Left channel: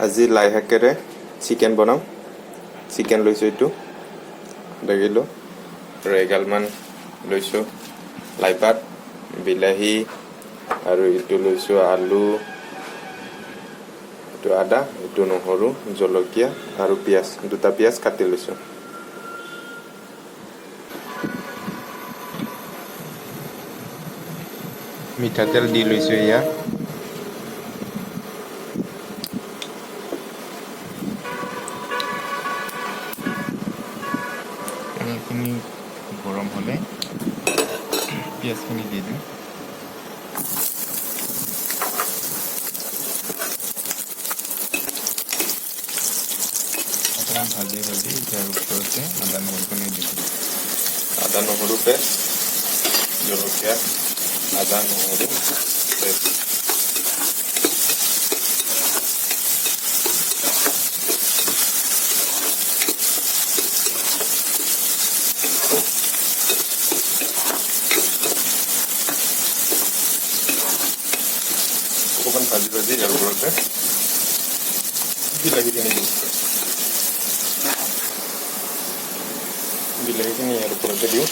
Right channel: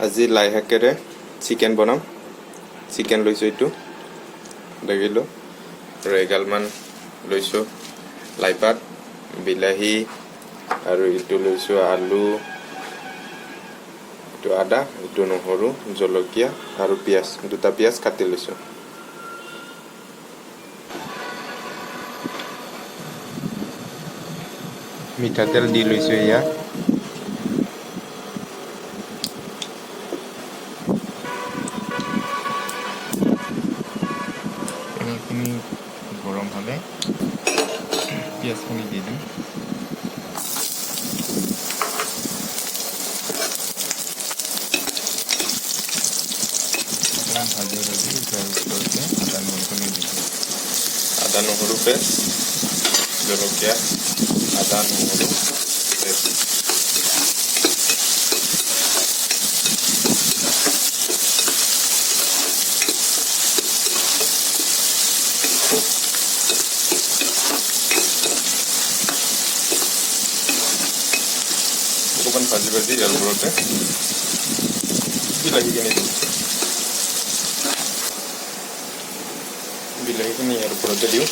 আজি লাই শাকেৰে চিকেন বনাম। চিকেন লৈছোঁ এইটো আধা কিলো, আৰু এগালমান লৈছোঁ লাইপাত, বিলাহী, আৰু এইটো লৈছোঁ আলু, এইটো আদা, এইটো নহৰু, জলকীয়া আৰু পিঁয়াজ, দুটা পিঁয়াজ কাটি লৈছোঁ। মিঠাতেল দি লৈছোঁ ইয়াত। তেলখিনি গৰম হ'লে পিঁয়াজখিনি দি দিম। অকণমান ভাজি ইয়াৰ ওপৰতে আদা নহৰুখিনি দিম। আদা নহৰু পেষ্ট, জলকীয়া, আদা নহৰু পেষ্ট, অকণমান ভাজি ইয়াৰ ওপৰতে বিলাহীখিনি দিম। বিলাহীখিনি ইয়াৰ ওপৰতে দিওঁ,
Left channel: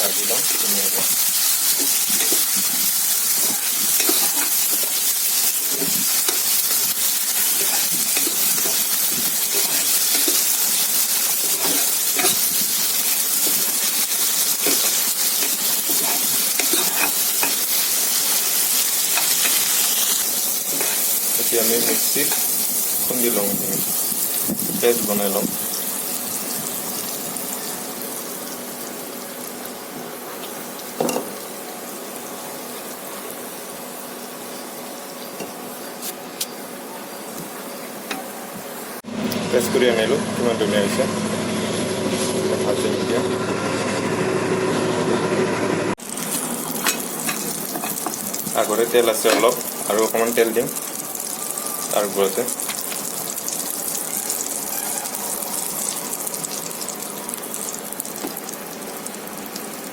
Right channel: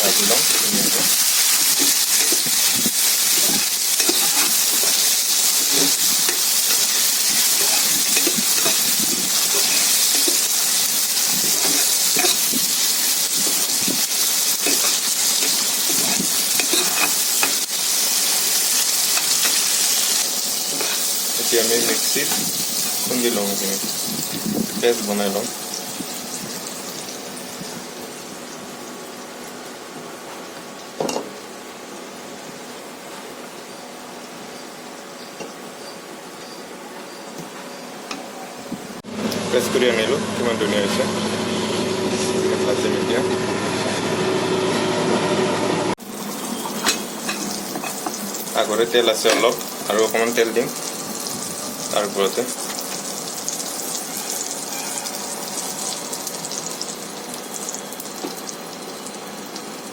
ভাজি লওঁ ধুনীয়াকৈ। এতিয়া আমি মিক্সিত খুন্দি লওঁ, এইখিনি পেষ্ট বনাই লওঁ। পেষ্ট কৰি আনিলোঁ, কিমান ধুনীয়া হৈছে। ভাজিম এতিয়া। আগতে তেল আছে অলপ, আৰু অকণমান তেল দিম তাৰ ওপৰতে।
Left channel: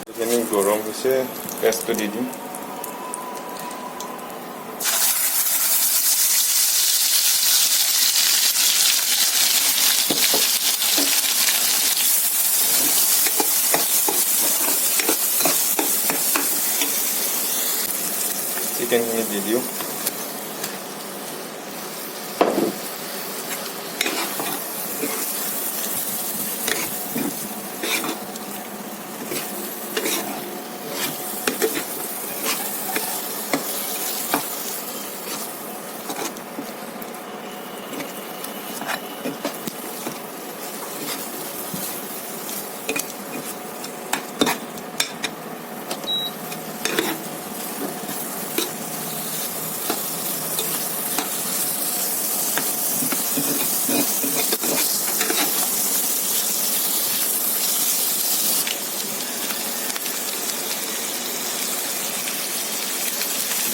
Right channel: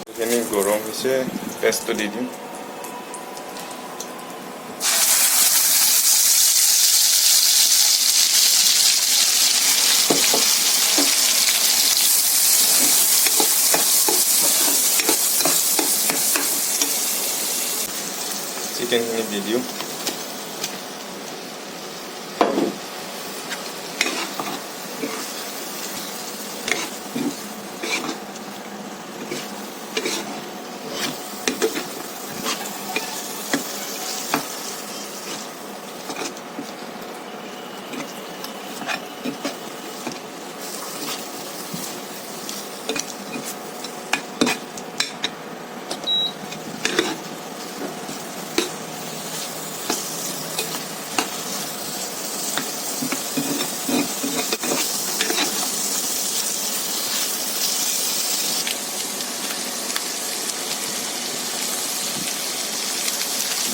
এইখিনি গৰম হৈছে, পেষ্টটো দি দিম। চিকেনখিনি দি দিওঁ।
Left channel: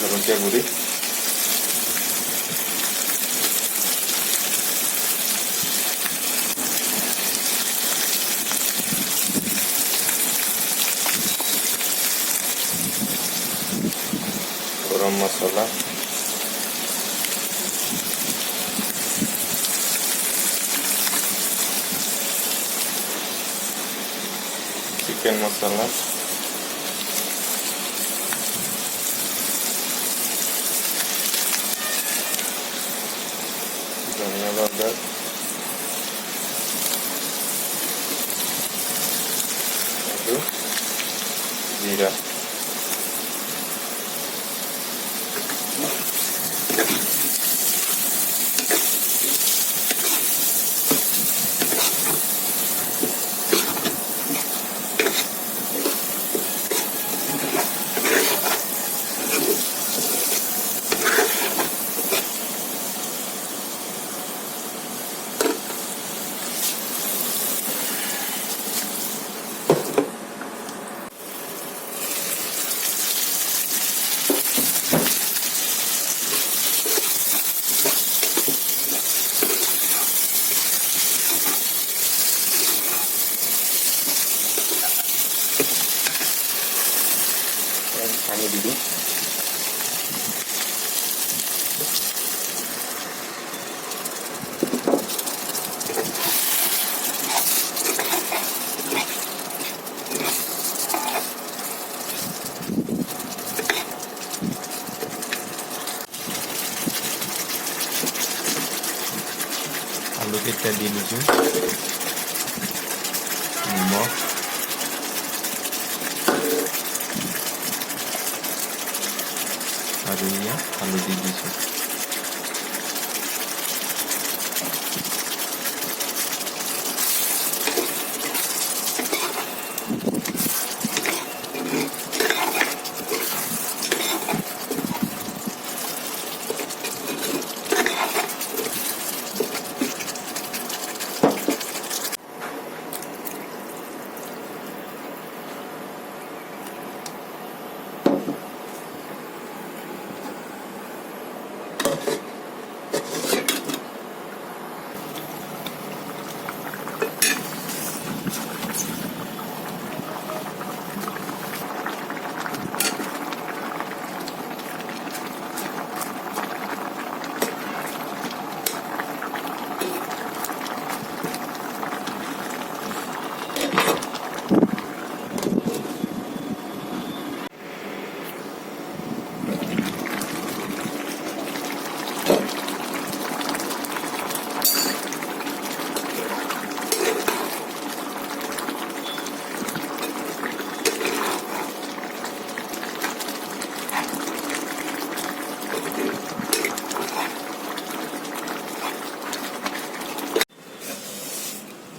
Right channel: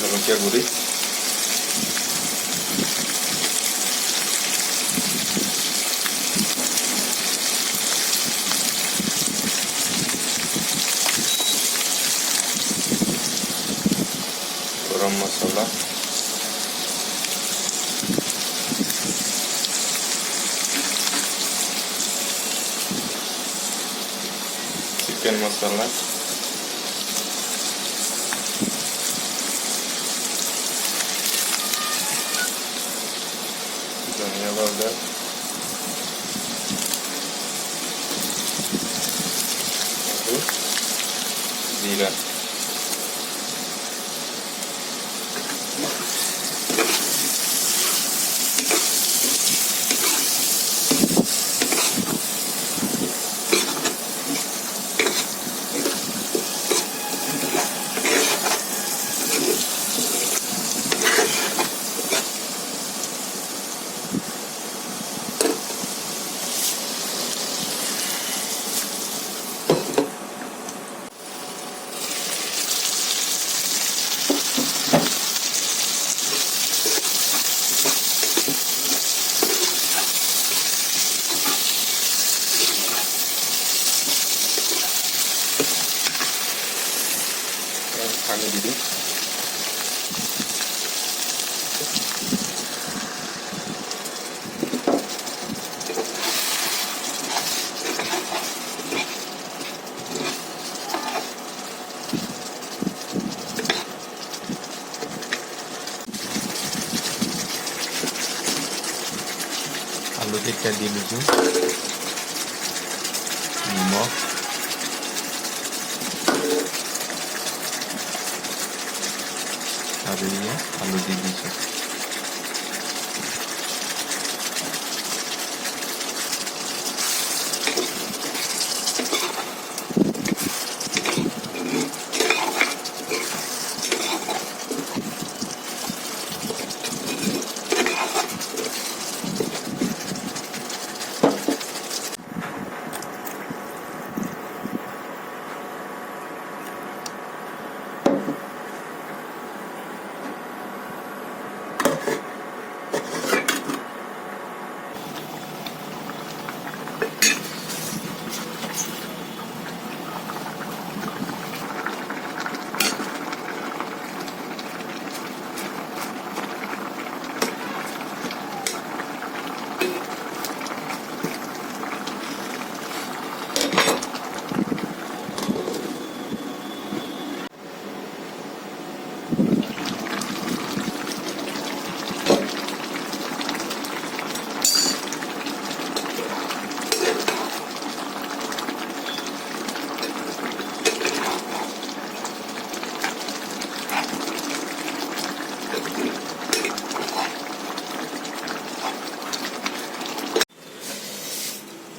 জলকীয়া গুড়ি, গৰম মছলা, চিকেন মছলা, ধনিয়া পাউডাৰ, আৰু জিৰা। আলুকেইটা দি লৈছোঁ নিমখ আৰু এয়া হালধি দিছোঁ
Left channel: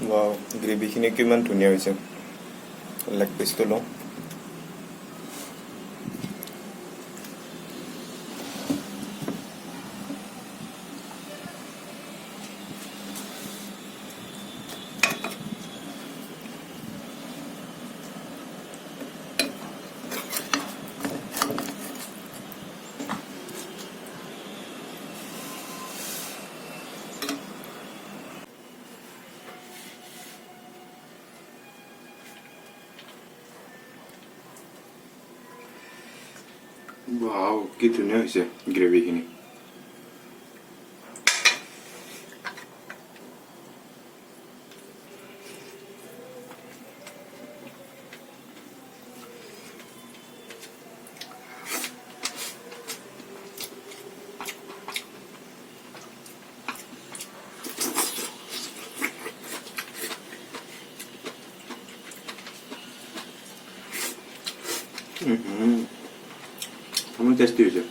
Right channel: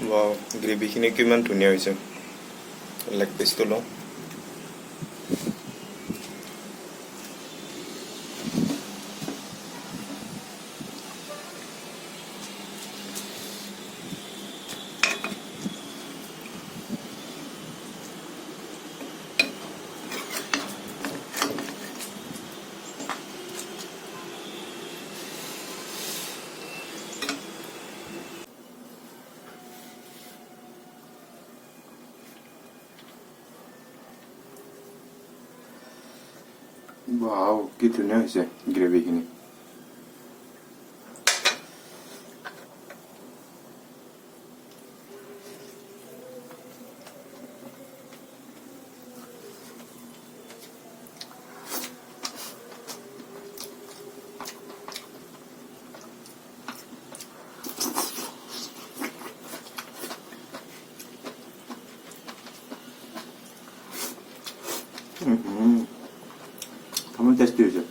Wow, গ্ৰেভিখিনি কিমান ধুনীয়া হৈছে লেগ পিচটো লওঁ Wow, কি ধুনীয়া হৈছে গ্ৰেভিখিনি কেমন টেস্টি হয়েছে